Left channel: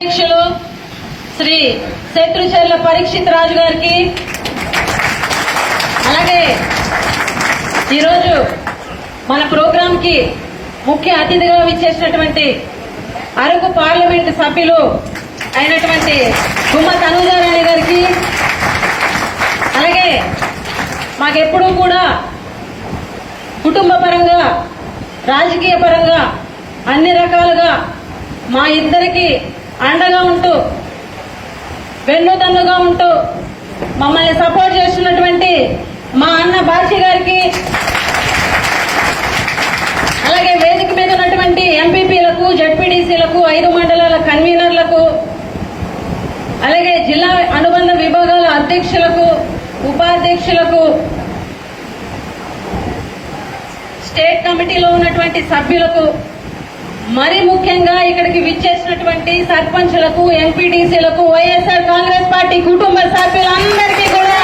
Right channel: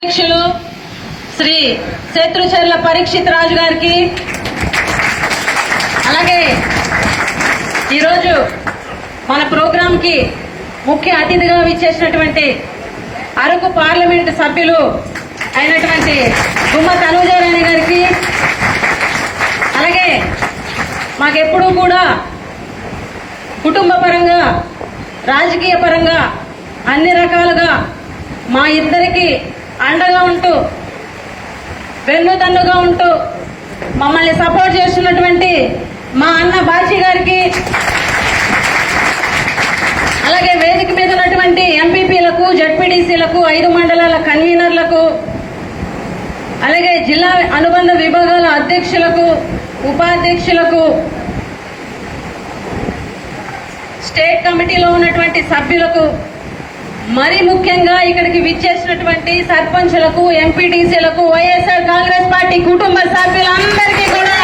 అధ్యక్షులు శ్రీ శేత్రుచర్ల పరీక్షిత్ రాజు గారికి, అలాగే ఈరోజు మన ప్రోగ్రాం కి ముఖ్య అతిథిగా విచ్చేసినటువంటి అరకు పార్లమెంటు సభ్యులు అయినటువంటి గుమ్మ తనుజారాణి గారికి, అలాగే మాకెప్పుడూ కూడా కుటుంబ పరంగా రాజకీయ పరంగా అన్ని రకాలుగా మా ఇద్దరికి అండగా ఉంటూ వెన్నుదన్నుగా ఉంటూ మమ్మల్ని సపోర్ట్ చేస్తున్నటువంటి మా అన్న బాచి గారికి, అలాగే వేదిక మీద ఉన్నటువంటి ఎంపీపీలకు, జడ్పీటీసీలకు, 5 మండలాల కన్వీనర్లకు, అలాగే జిల్లా అనుబంధ విభాగాల అధ్యక్షులకు, ఉపాధ్యక్షులకు, స్టేట్ కమిటీలో ఉన్నటువంటి సభ్యులకు, మరి ముఖ్యంగా ఇక్కడికి విచ్చేసినటువంటి సర్పంచులకు, ఎంపీటీసీలకు, వైఎస్ఆర్ కాంగ్రెస్ పార్టీ కుటుంబ సభ్యులందరికీ కూడా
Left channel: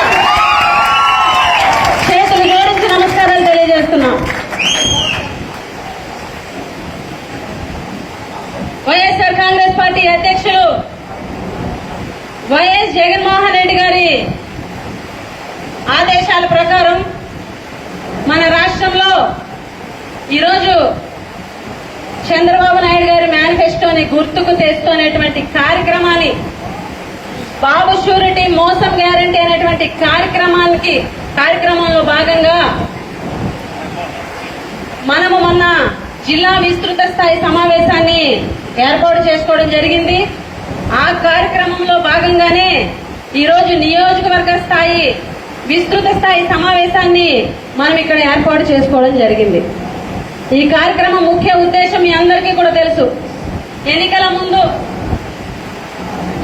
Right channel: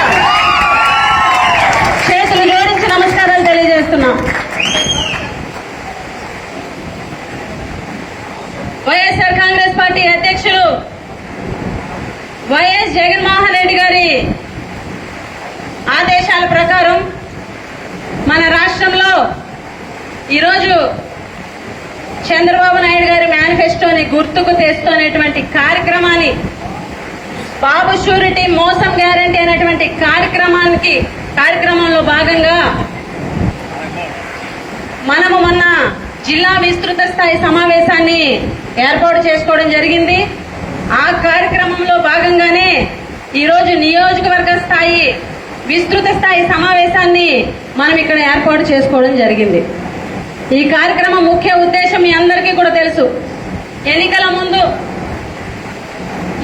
చేతులు జోడించి నమస్కారాలు తెలియజేస్తున్నాం. వైఎస్ఆర్ కాంగ్రెస్ పార్టీ అధ్యక్షులు వైఎస్ జగన్మోహన్ రెడ్డి గారి ఆదేశాల ప్రకారం మన రాష్ట్రంలో ఈరోజు చంద్రబాబు నాయుడు గారి మేనిఫెస్టోని గుర్తుకు తెస్తున్నటువంటి కార్యక్రమాన్ని, బాబు షూరిటీ మోసం గ్యారంటీ అనేటువంటి కార్యక్రమంలో భాగంగా మనము మొన్న జిల్లా విస్తృత స్థాయి సమావేశాన్ని ఏర్పాటు చేసుకోవడం జరిగింది. ఆ కార్యక్రమంలో భాగంగానే ఈరోజు నియోజకవర్గ స్థాయి విస్తృత స్థాయి సమావేశాన్ని మనం ఇక్కడ ఏర్పాటు చేసుకోవడం జరిగింది. ఈ కార్యక్రమం ముఖ్య ఉద్దేశం మీ అందరికీ కూడా తెలుసు. ఎన్నికల ముందు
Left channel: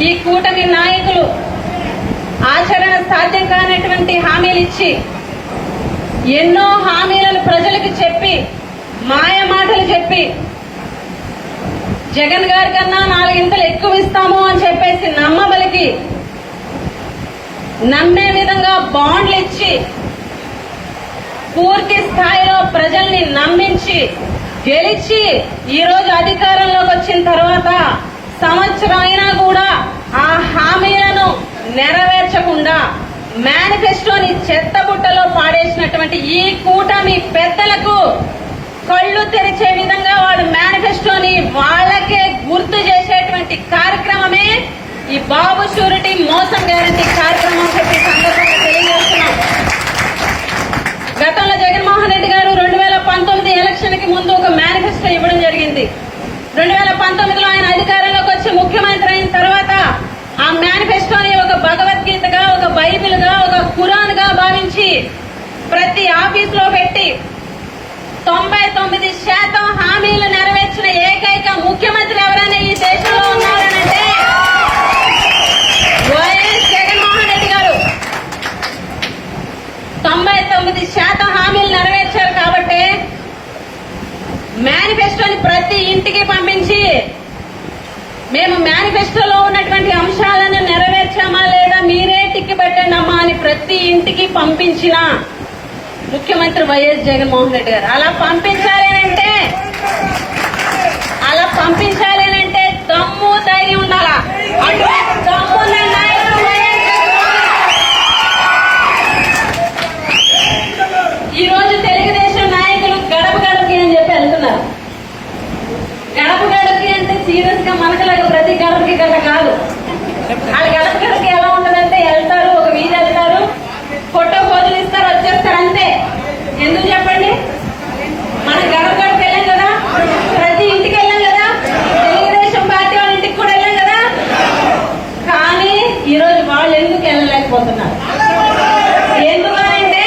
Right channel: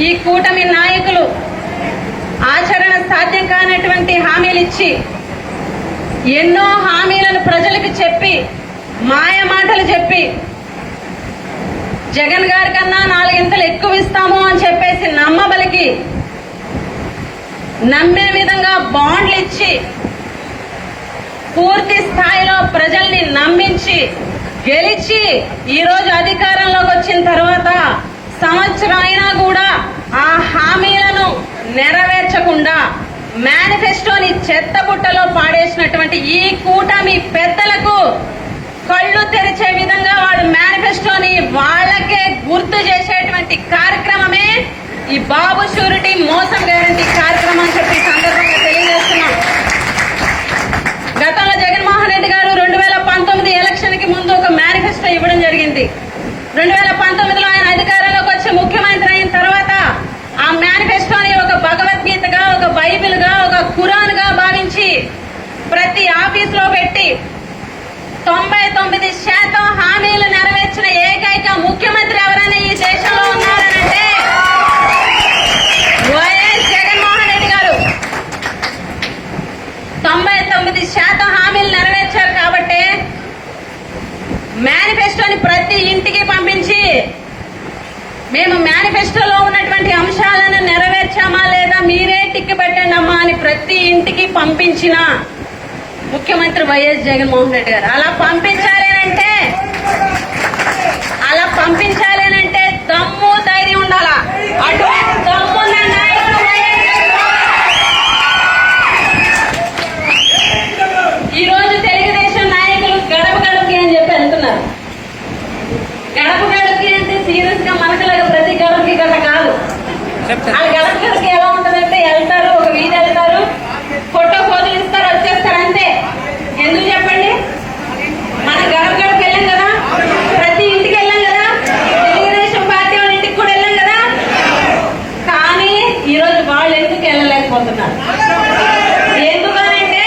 ఈ కూటమి నాయకులు ఆచరణ సాధ్యం కానటువంటి హామీలు ఇచ్చి, ఎన్నో హామీలను ప్రజలకు చెప్పి, మాయ మాటలు చెప్పి, జగన్ గారి కన్నా 4 ఇంతలు ఎక్కువ ఇస్తాము అని చెప్పేసి నమ్మబలికి, నమ్మే విధంగా బాండ్లు ఇచ్చి, పూర్తి స్థాయిలో ప్రజల్ని నమ్మించి గెలిచి ఈరోజు అధికారంలోకి వచ్చిన తర్వాత సంవత్సరం అయినా కూడా ఆ హామీలను నెరవేర్చకుండా మేనిఫెస్టోని చెత్తబుట్టలో పాడేసినటువంటి ఈ కూటమి పెద్దలకు కళ్ళు తెరిచే విధంగా వాడి మేనిఫెస్టోని వాళ్ళకే గుర్తు చేసేటువంటి కార్యక్రమమే ఈ బాబు షూరిటీ మోసం గ్యారంటీ కార్యక్రమం అని చెప్పి సందర్భంగా తెలియజేస్తున్నాం. గతంలో జగన్మోహన్ రెడ్డి గారు 2019 ఎలక్షన్ కి ముందు ఒక మేనిఫెస్టో ఇవ్వడం జరిగింది. 2019లో ఆయన అధికారంలోకి వచ్చి ముఖ్యమంత్రి అయిన తర్వాత ఆ మేనిఫెస్టోని ఒక భగవద్గీతగా, ఒక బైబిల్ గా, ఒక ఖురాన్ గా భావించి ప్రతి ఆఫీస్ లో పెట్టి 99% హామీలు నెరవేర్చిన ఏకైక ముఖ్యమంత్రి ఎవరైనా ఈ దేశంలో ఉన్నారంటే వైఎస్ జగన్మోహన్ రెడ్డి గారు. 99% హామీలు నెరవేర్చారు కాబట్టి మేనిఫెస్టోని ప్రతి ఇంటికి పంపించి, మేము మేనిఫెస్టోలో ఉన్నటువంటి అంశాలను నెరవేర్చామా లేదా మీరే టిక్కి పెట్టండి అమ్మా అని ప్రతి ఇంటికి పంపించిన ముఖ్యమంత్రి వైఎస్ జగన్మోహన్ రెడ్డి గారు. అలా పంపించాలనంటే దమ్ము ధైర్యం ఉండాలా. అటువంటి దమ్మున్న నాయకులు ఈ రోజు తెలుగుదేశం నాయకులు గడప గడపకి అని చెప్పి వెళ్తున్నారు. గడప గడపకి అంటే సీరియస్ గా మనసులాగా ప్రతి గడపకి గడప కాదు. ఆ గడప గడపకి ఎలా ఉంటుందంటే వెళ్తారు, ఒక వీధి వెళ్తారు, ఫోటో పోజులు ఇస్తారు, వచ్చేస్తారు అంతే. ఎందుకు చెప్పండి? మన గడప గడప వెళ్ళాం కదా, ప్రతి ఇంటికి వెళ్ళాం కదా, తెలుగుదేశం పార్టీ వాళ్ళ ఇంటికి కూడా వెళ్ళాం కదా. కానీ ఈరోజు వాళ్ళు ఎందుకు వెళ్ళలేకపోతున్నారు? ఎందుకంటే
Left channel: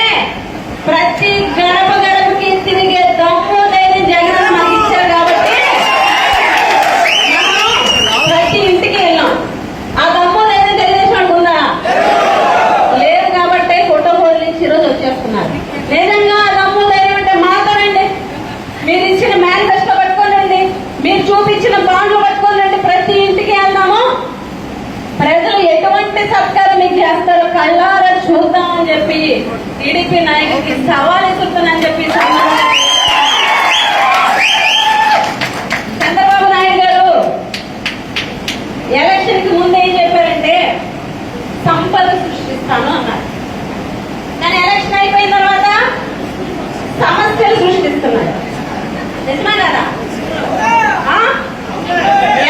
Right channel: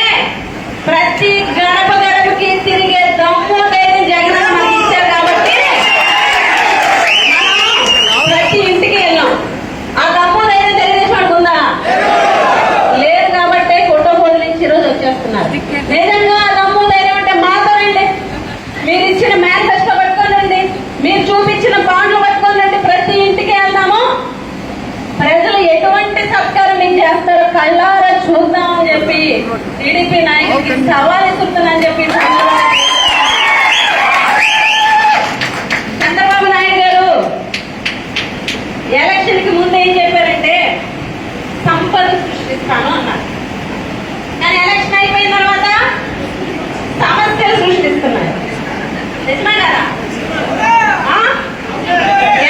ప్రతి గడప గడపకి తిరిగే దమ్ము ధైర్యం జగన్ మనకి ఇచ్చారు కాబట్టి ప్రతి ఇంటికి వెళ్ళాం. ఆ దమ్ము ధైర్యం తెలుగుదేశం ఉందా? లేదు కాబట్టి ఫోటో ఫోటోలు ఇచ్చి ఈరోజు వచ్చేస్తున్నారు. నిజంగా ఆ దమ్ము ధైర్యం అంటే మాత్రమండి. మీరు ఇచ్చిన మేనిఫెస్టో పట్టుకోనండి, మీరు చూపించిన బాండ్లు పట్టుకోనండి, ప్రతి ఇంటికి వెళ్దాము. ప్రజలు ఎటువంటి సత్కారం మీకు చేస్తారో కళ్ళారా చూద్దామని చెప్పి టీడీపీ నాయకుడికి సవాల్ ఇస్తున్నానని చెప్పి చంద్రబాబు నాయుడు గారు నిజమా కదా? ఆ?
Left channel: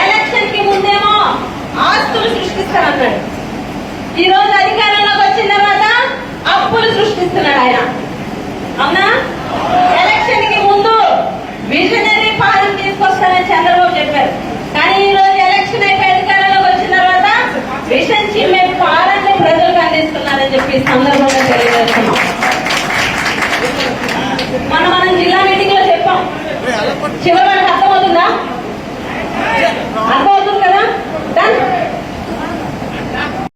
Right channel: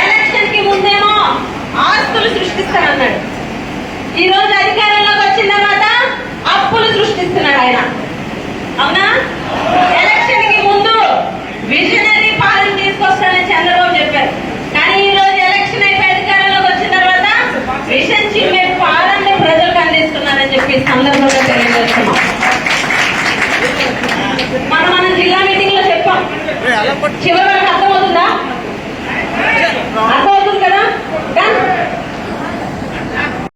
ఎలక్షన్ కి ముందేమో ఆస్తులు సృష్టిస్తానన్నాడు. ఈ రోజు అధికారంలోకి వచ్చిన తర్వాత అప్పులు సృష్టిస్తున్నాడు ఆయన. అవునా? ఎలక్షన్ కి ముందు విజనరీ పాలన తీసుకొస్తానని చంద్రబాబు చెప్పారు. కానీ ఈ రోజు ఎలక్షన్ అయిపోయి అధికారంలోకి వచ్చిన తర్వాత విషన్ చిమ్మే పాలన ప్రజలకు అందిస్తున్నారని చెప్పి సందర్భంగా తెలియజేస్తున్నాం. మనం జిల్లా మీటింగ్ లో చెప్పాం. చివరి